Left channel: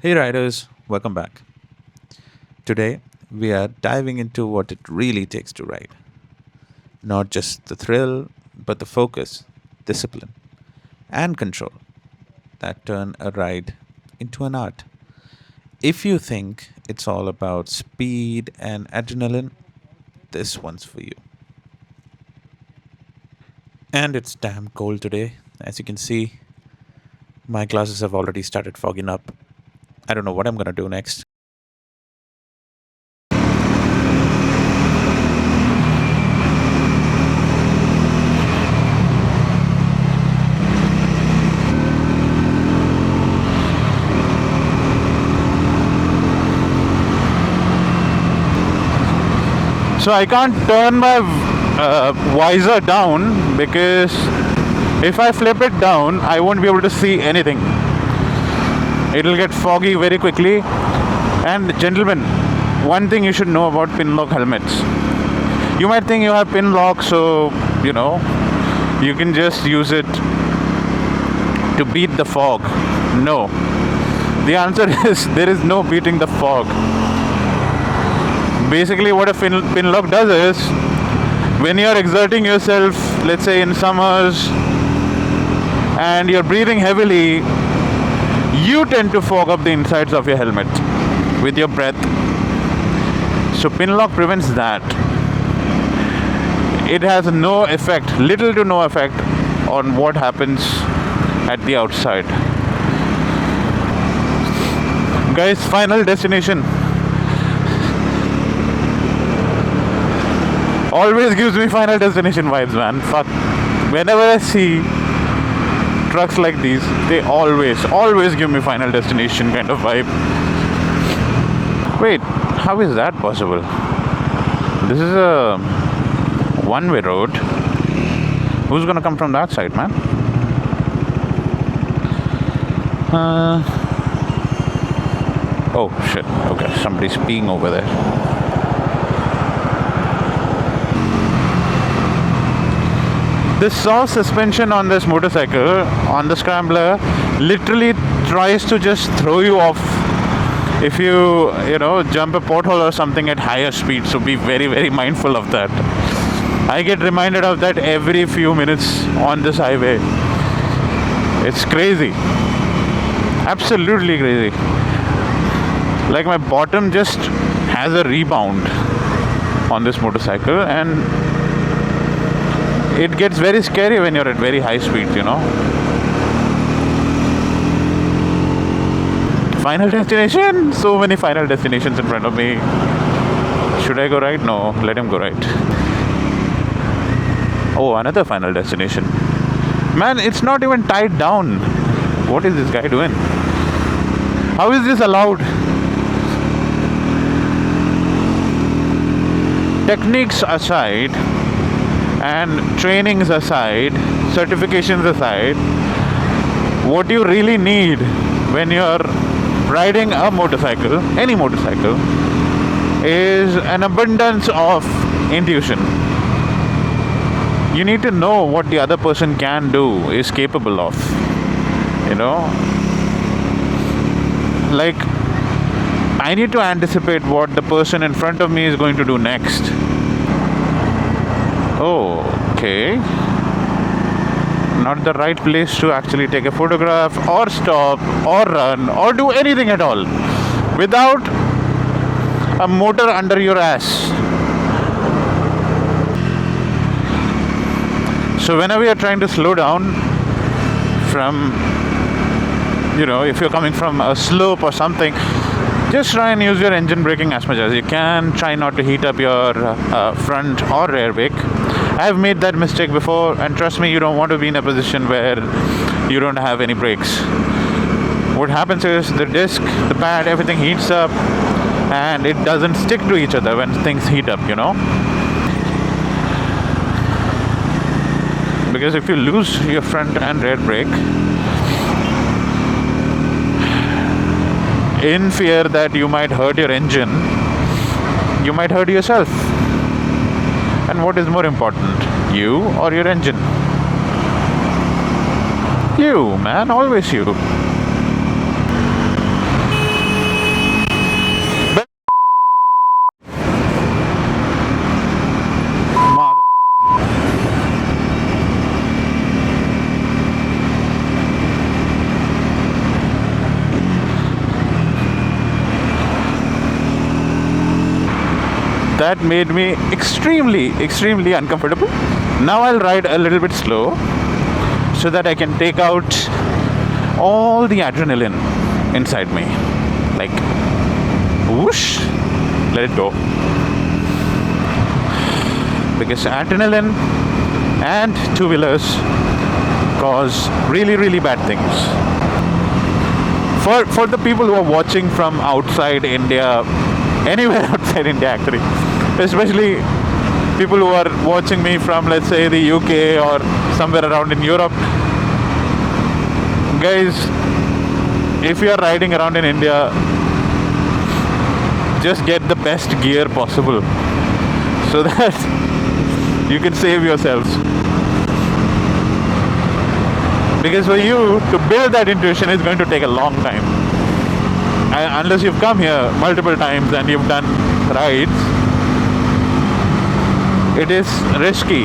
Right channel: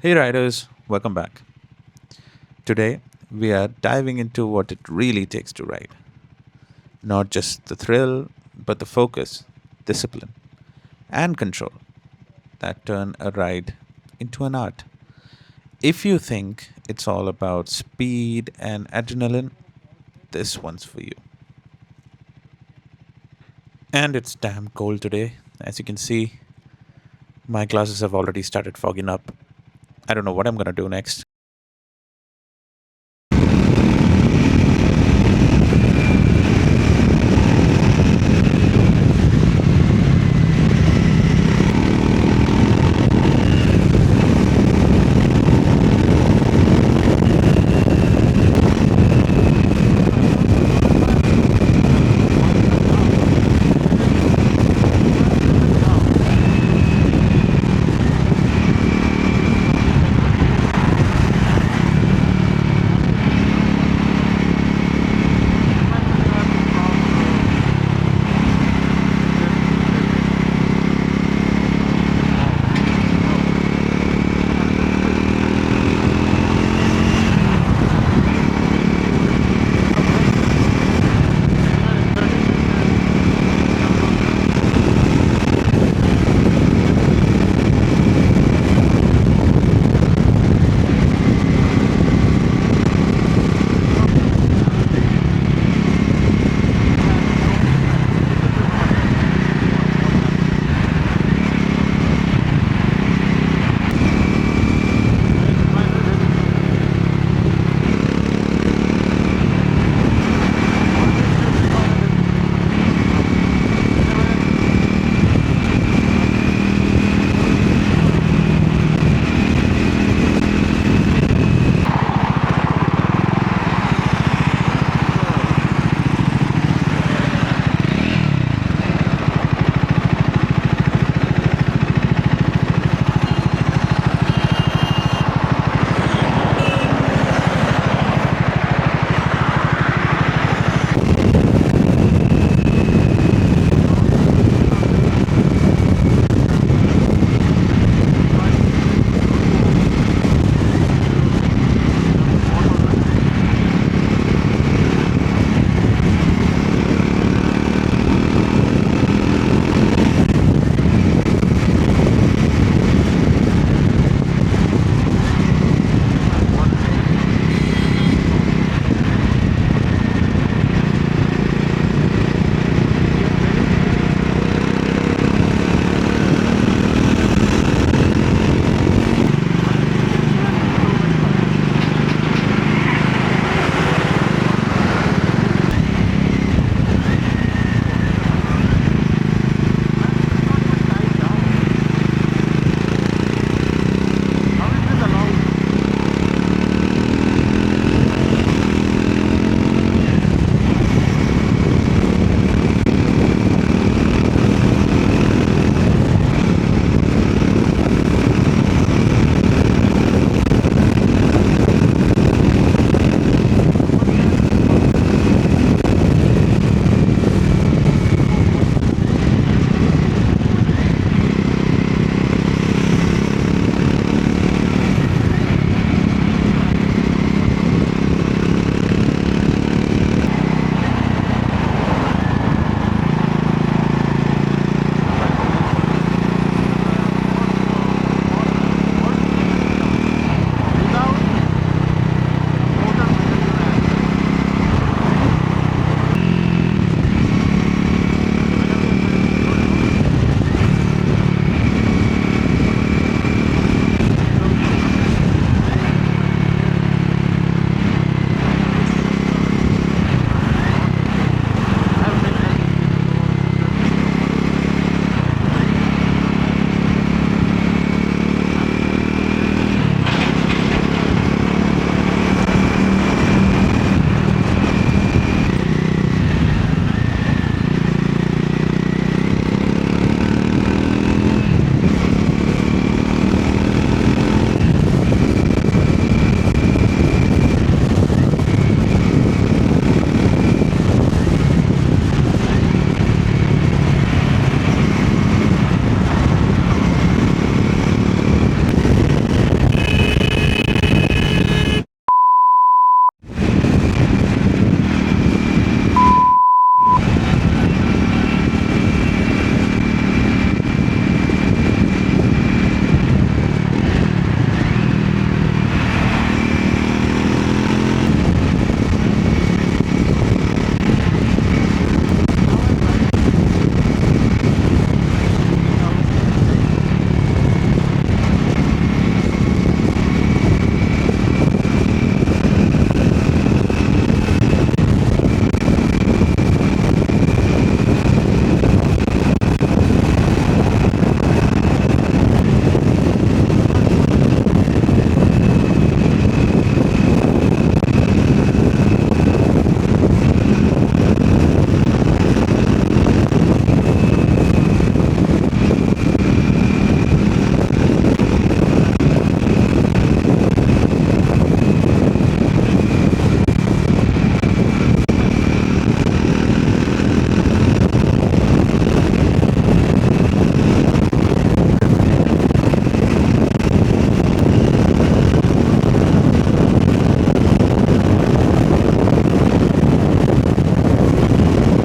Hey riders, welcome back. Today we are diving into what it really takes to ride. Not just the thrill, but the focus, discipline, and control that turn a ride into an art. If you think it's all about speed and adrenaline, this one's for you. And it's damn cold today. As you can see, my glasses have already started fogging up. I don't know what I'm gonna do next. So I can't turn my visor down because if I flip it down, I won't be able to see anything. It'll get foggy very quickly. And gentlemen, one thing you should know about pin lock helmets. You might think you have pin lock, so you can just use it to beat the fog. No. The answer is there is no beating the fog. Basically what a pin lock does is when you're exerting yourself, let's say in summers, and you're breathing heavily, you tend to fog up the insides of your helmet with your breath. So pin lock prevents that. It has no effect, little to no effect on what happens at the outside. Guys, final destination. Always gives me final destination vibes, man. Fuck. Whenever I see trucks like these, they always give me final destination kind of vibe. Wait, how is that possible? This is a one-way road. Who's gonna come from that side, man? Oh shit, okay, somebody's peeing over there. This saw suspension on this motorcycle, on the Scrambler, literally tries to just throw you off if you jump a pothole or something at higher speed. So be very mindful of that. I get reminded of that every few minutes on this highway. It's crazy. Absolutely crazy. Like my bottom just has a rebound on this motorcycle, and it gets very scary when you're at very high speed, Final destination! So many final destinations in front of me. Should I go right? No, let him go right. Oh, another final destination. Man, it's not even tied down. What is this guy doing? How is this allowed? Techniques aside, and trainings aside, certifications aside, what you really need when you're riding a motorcycle, any motorcycle, is an abundance of intuition. You need to know what the other person can do, is capable of. Like, I need to anticipate what the person in front of me is going to do next. Okay. Not the right place to actually take a photograph or stop or run or do anything at all without a motor under your ass. So whenever you're trying to slow down from, if you're coming from a slope or something, just try and use your engine braking as much as you can. Try not to heat up your front or rear brake. I've made that mistake before, and trust me, you don't want to be in a position where you don't have any brakes. What happens is the disc, the pad, everything heats up, and it doesn't stick to each other when things heat up, Because if you lose your front and rear brake, in fear that you might hurt your engine, you might hurt yourself. And what is more important, you or your engine? You, man, always you. made me extremely uncomfortable. Now I'll ride a little bit slow so that I can take out all the adrenaline inside me. Like, whoosh, let it go. Because adrenaline and two-wheelers cause really bad things. For the people who are watching from outside India, anywhere outside India actually, especially people who are watching me from, let's say, the UK or somewhere around in Europe, guys, if you are riding around in India, just get the best gear possible so that you can save yourselves. Because for you to build that intuition is going to take a long time. And unless you've come here multiple times and you've done rides, it is risky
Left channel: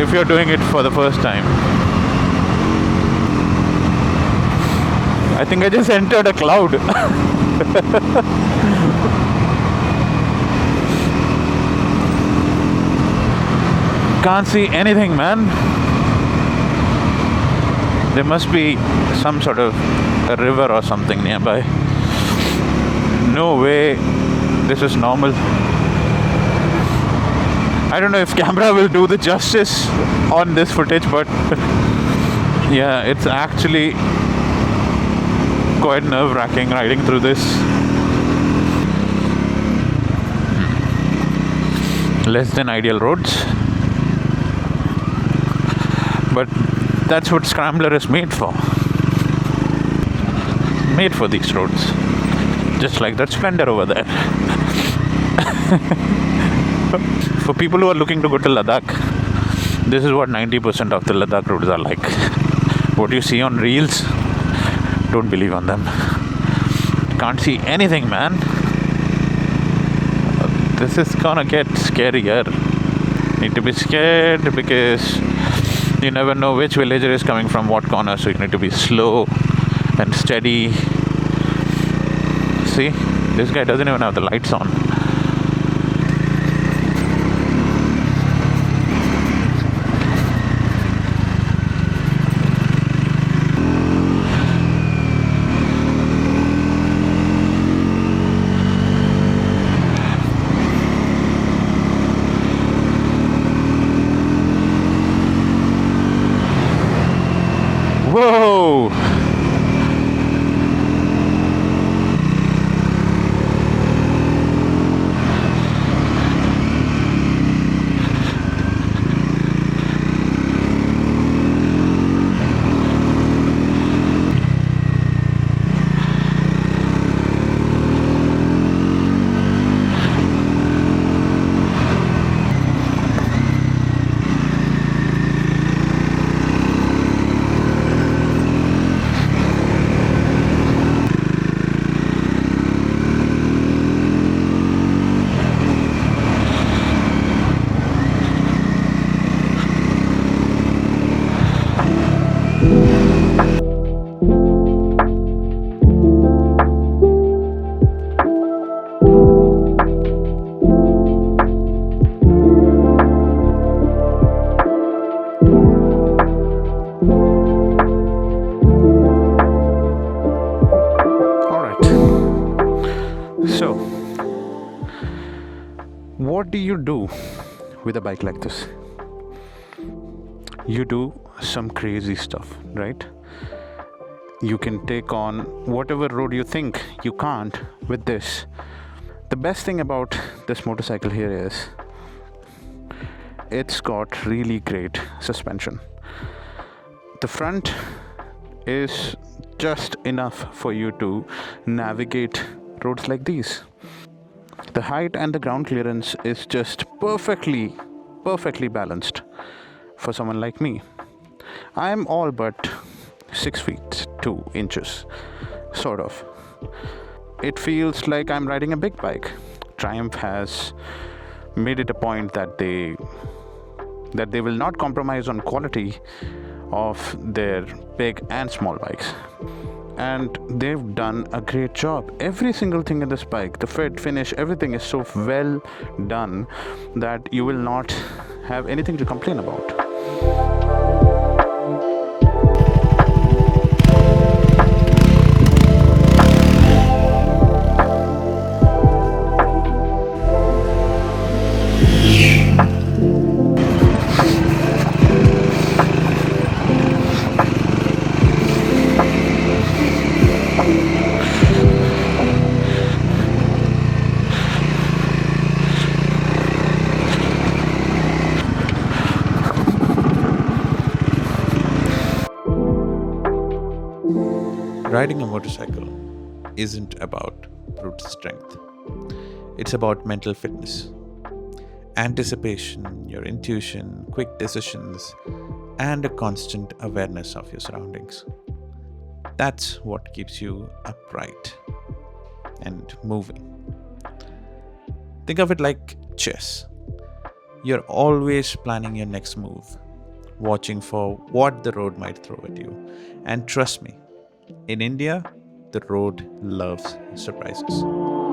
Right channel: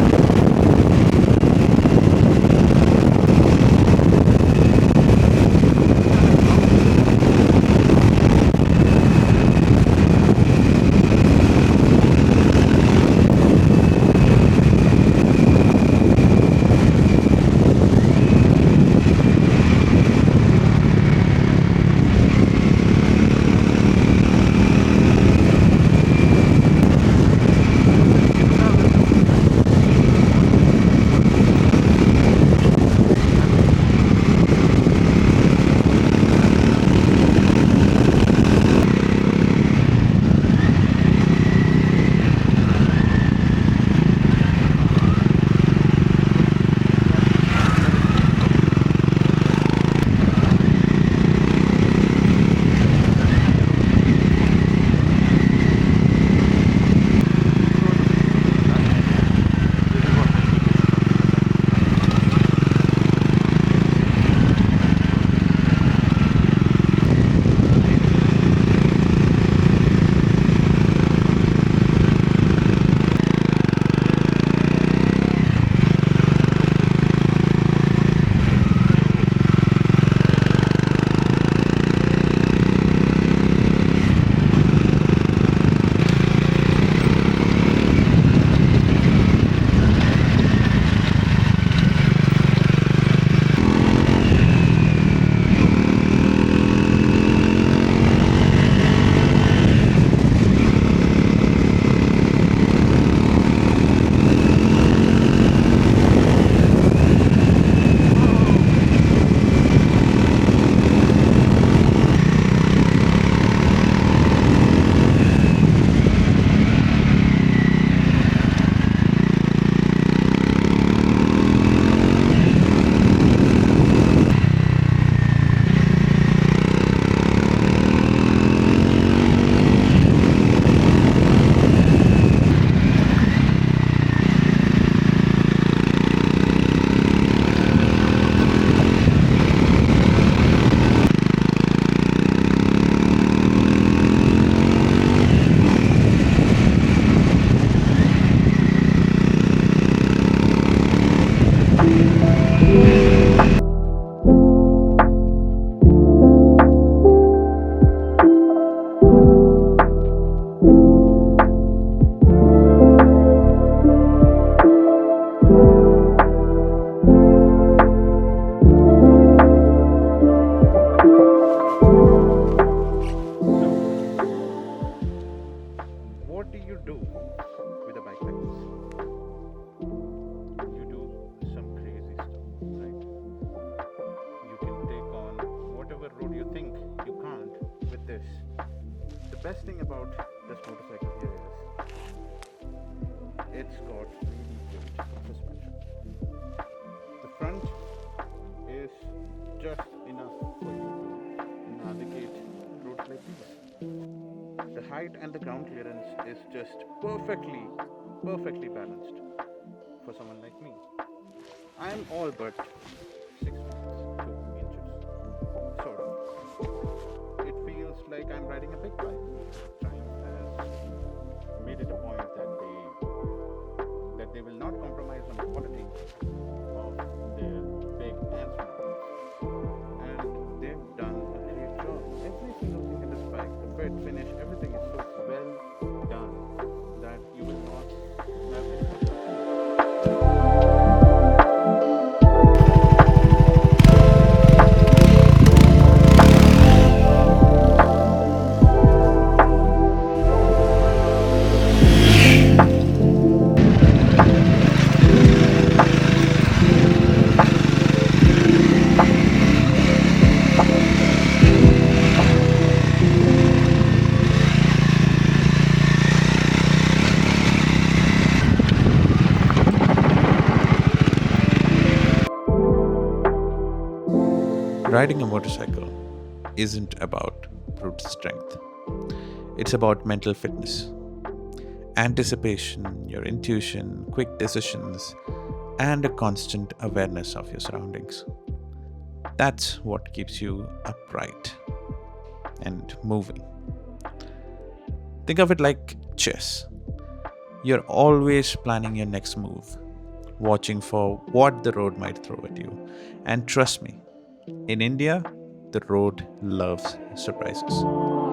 if you're doing it for the first time. I think I just entered a cloud. Can't see anything, man. There must be some sort of a river or something nearby. No way this is normal. I don't know if camera will do the justice on this footage, but yeah, it's actually quite nerve-wracking riding through this. Less than ideal roads, but that's what Scrambler is made for. Made for these roads. Just like that Splendor over there. For people who are looking to go to Ladakh, this is what 90% of the Ladakh roads are like. What you see on reels, don't believe on them. Can't see anything, man. This is gonna get scarier. Need to be scared because you never know which villager is coming from what corner, so you need to be slow and steady. See, this guy doesn't even have the lights on. What do you do with a bike like this? You do some crazy stuff, right? You can take on whatever road you think you can't with this. The best thing about this motorcycle here is it's got really great suspension. The front is just enough for you to navigate roads like these. The height and the ground clearance is just perfectly balanced for someone like me. I'm all but 6 feet 2 inches, sort of. It feels like I'm riding a big bike. Triumph has made it a point that they will not compromise on quality of their big and small bikes. and they've done a great job. Every single thing in this bike, the fit, finish, everything is so well done that you will not have anything to complain about. Riding a motorcycle isn't about brute strength. It's about mental fitness, anticipation, your intuition, quick decisions, and a constant awareness of your surroundings. That's what keeps you upright and moving. Think of it like chess. You're always planning your next move, watching for what the road might throw at you. And trust me, in India, the road loves surprises.